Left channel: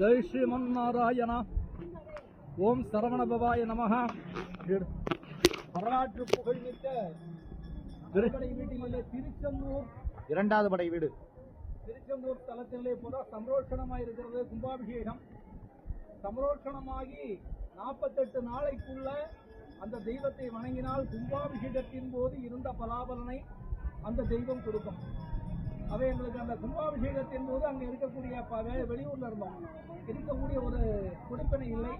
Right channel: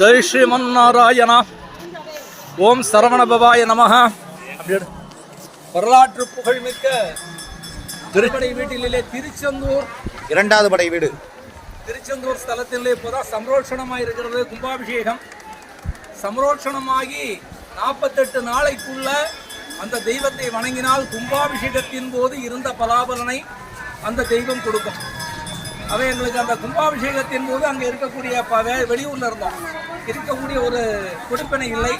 ஜெய் ஸ்ரீமன்னாராயணா. ஓம் சரவணபவாய நமஹ. வரலாற்று புகழ்மிக்க திருப்படை வீட்டிலே திருச்செந்தூர் இரண்டாவது படை வீடு திருச்செந்தூர் ஸ்தலத்திலே இப்போதான் சம்ரோஷணமாக இருக்கிறது. கும்பாபிஷேகம் சம்ரோஷணமாகி 48 நாளைக்குள்ள அந்த தெய்வத்தை வணங்கினால் கும்பாபிஷேகத்தின் போது இருந்த பலாபலனை அந்த தெய்வம் கொடுக்கும். அவை எங்களுக்கு அந்த கும்பாபிஷேகத்தின் போது அங்கே இருக்கக்கூடிய வெளியூரில் இருந்தோம், இருக்கக்கூடிய ஒரு கொடுப்பினை இல்லை.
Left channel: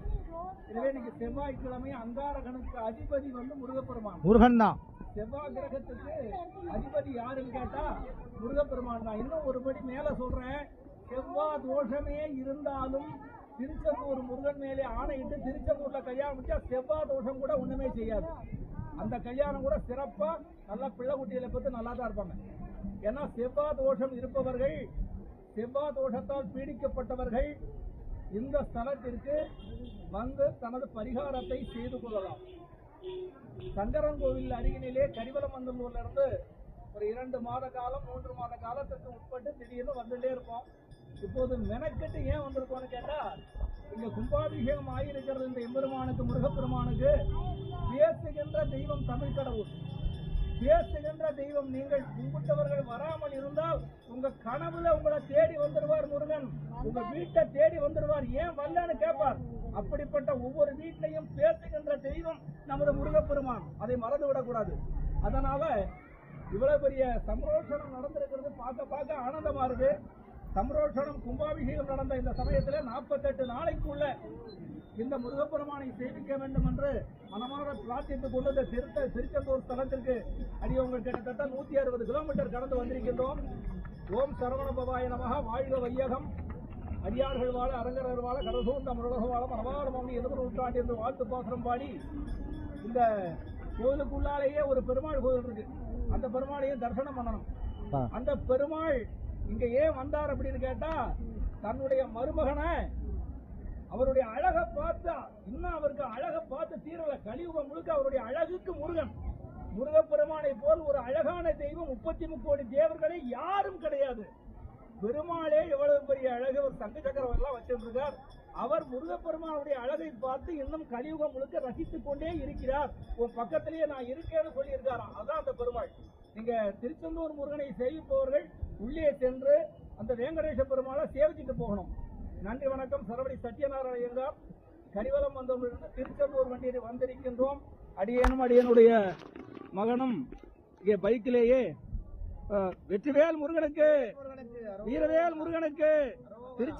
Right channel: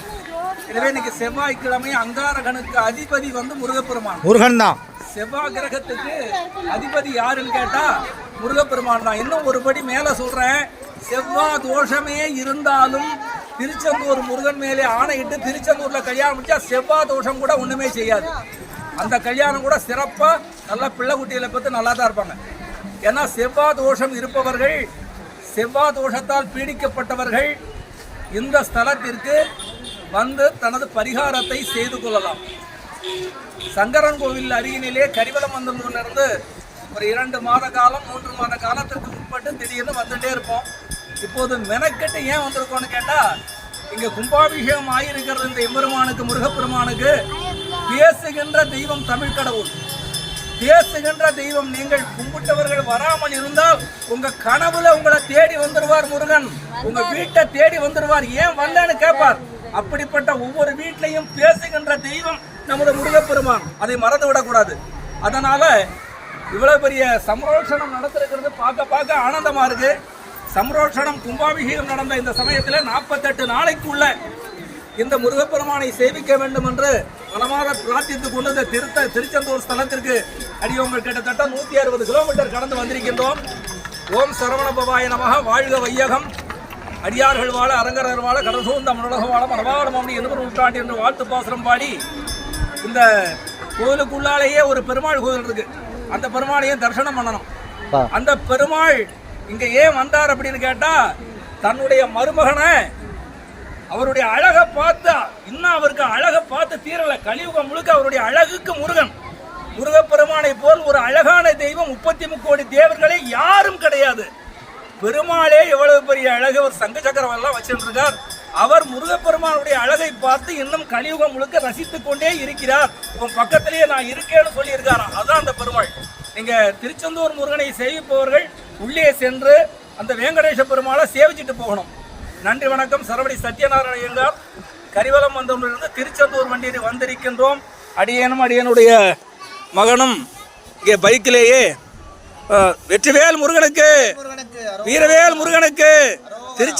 எனவே இன்னைக்கு செவ்வாய்க்கிழமை அங்காரகனுக்கு அதிபதி வந்து முருகப்பெருமான். முருகன் தான். செவ்வாய் கிரகத்துக்கு அதிபதி யாருன்னு கேட்டா முருகப்பெருமான் தான். இன்னும் ஒருபடி மேல சொல்றேன், செவ்வாய் தோஷமே இருந்தாலும் திருச்செந்தூர் முருகன் மேலே ஆணையிட்டு திருச்செந்தூர்ல கல்யாணம் முடிச்சா செவ்வாய் தோஷம் கூட ஒண்ணுமே செய்யாது. அந்த கல்யாணம் கூட சிறப்பா நல்லா பிள்ளை குட்டிகளை பத்தி நல்லா தான் இருப்பாங்க. ஏன்னா செவ்வாய் தோஷம் இருப்பவர்கள், செவ்வாய் தோஷத்தால் பீடிக்கப்பட்டவர்கள் இந்த ஸ்தலத்திற்கு வந்து தனது பரிகாரத்தை செய்து கொள்ளலாம். சங்கரன் கோவில் அருகினிலே கரிவலம் வந்தூர்லேருந்து ஒரு 2 மாத காலம் 3 மாத காலத்திற்கு உட்பட்டு திடீர்னு வந்துட்டே இருப்போம். இப்போது மெனக்கெட்டு ஏன் வந்திருக்கோன்னு கேட்டால், இங்கே கும்பாபிஷேகம் ஆகியிருக்கிறது இந்த எம்பெருமானுக்கு, முருகப்பெருமானுக்கு. பேசுகின்ற தெய்வம் தமிழ் கடவுள், பேசுகின்ற தெய்வம். நீங்கள் கும்பிட்டவர்கள் வராமல் இருந்தால் உங்க கனவுல உங்களை தேடி வந்துடுவார் முருகன், உங்க வீட்டை தேடி வந்துடுவார். ஏன் வரலன்னு கேட்பார். அப்படிப்பட்ட ஒவ்வொரு வீட்லையும் பேசுகின்ற தெய்வம் நமது முருகப்பெருமான், அதை மறந்து விடக்கூடாது. அதனால இவ்வளவு பெரிய சம்ரோஷணம் நடத்திருக்கிறது பார்க்க ஆனந்தமா இருக்கு. சம்ரோஷணம் கும்பாபிஷேகம் நடந்த இந்த சமயத்தில் 48 நாளைக்குள்ள இந்த முருகப்பெருமானை சேவிக்க வேண்டும் என்று மனமாக பிரார்த்தித்துக் கொண்டு இந்த திருச்செந்தூர் ஸ்தலத்திற்கு அடியோங்கள் கிட்டத்தட்ட 160 கிலோமீட்டர் கடந்து வந்திருக்கின்றோம். ஓம் சரவணபவாய நமஹ. வாழ்க வையகம், அடியார்கள் வாழ, அரங்கரர் வாழ, கடசூந்த மனுலக வாழ, மரபாவளம் என்று நூற்றாண்டு என்று வாழ்த்து பாசுரம் பாடி, இந்த கோவிலுக்குள்ளாலேயே ஒரு பெருமாள் கோவில் இருக்கு. அந்த பெருமாளையும் தரிசனம் பண்ணணும். அந்த பெருமாள் இங்க ஏன் வந்தார் அப்படின்னு கேட்டா, தன்னுடைய மருமகனை அவருடைய அழகை பார்த்து, இன்னும் அவருக்கு அழகை பார்த்து தீரல. கலியுகம் முழுக்க அவருடைய அழகுக்கு முருகன், முருகப்பெருமானை போல் ஒரு அழகான தெய்வம் 33 கோடி தேவர்களே யாரும் கிடையாது. பெருமாளே எவ்வளவு பெரிய அழகு, ஒரு சங்க சக்கரம் எல்லாம் வச்சிருக்கார். அவர் முருகப்பெருமானுடைய அழகை பார்த்து இன்னும் கலியுகம் முழுக்க ரசித்துக் கொண்டே இருக்கிறார். உன் பக்கத்திலேயே நான் இருக்கேன்னு சொல்லி இருக்காராம். அதான் அந்த பெருமாள். நீங்க திருச்செந்தூர் முருகனை சேவிப்பவர்கள் உள்ளே சென்று அந்த வெங்கடேச பெருமாளை சேவிச்சுட்டு போகணும். நன்றி, வணக்கம். சரவடி சத்யநாராயண ஐயங்கார், கரிவலம் வந்தவரிலிருந்து திருச்செந்தூர் வண்டியில் வந்திருக்கின்றோம். அடியேனும் அடியனுடைய மகனும் இங்கே பைக்கிலேயே வெற்றிவேல் முருகனுக்கு, வீரவேல் முருகனுக்கு, திருச்சி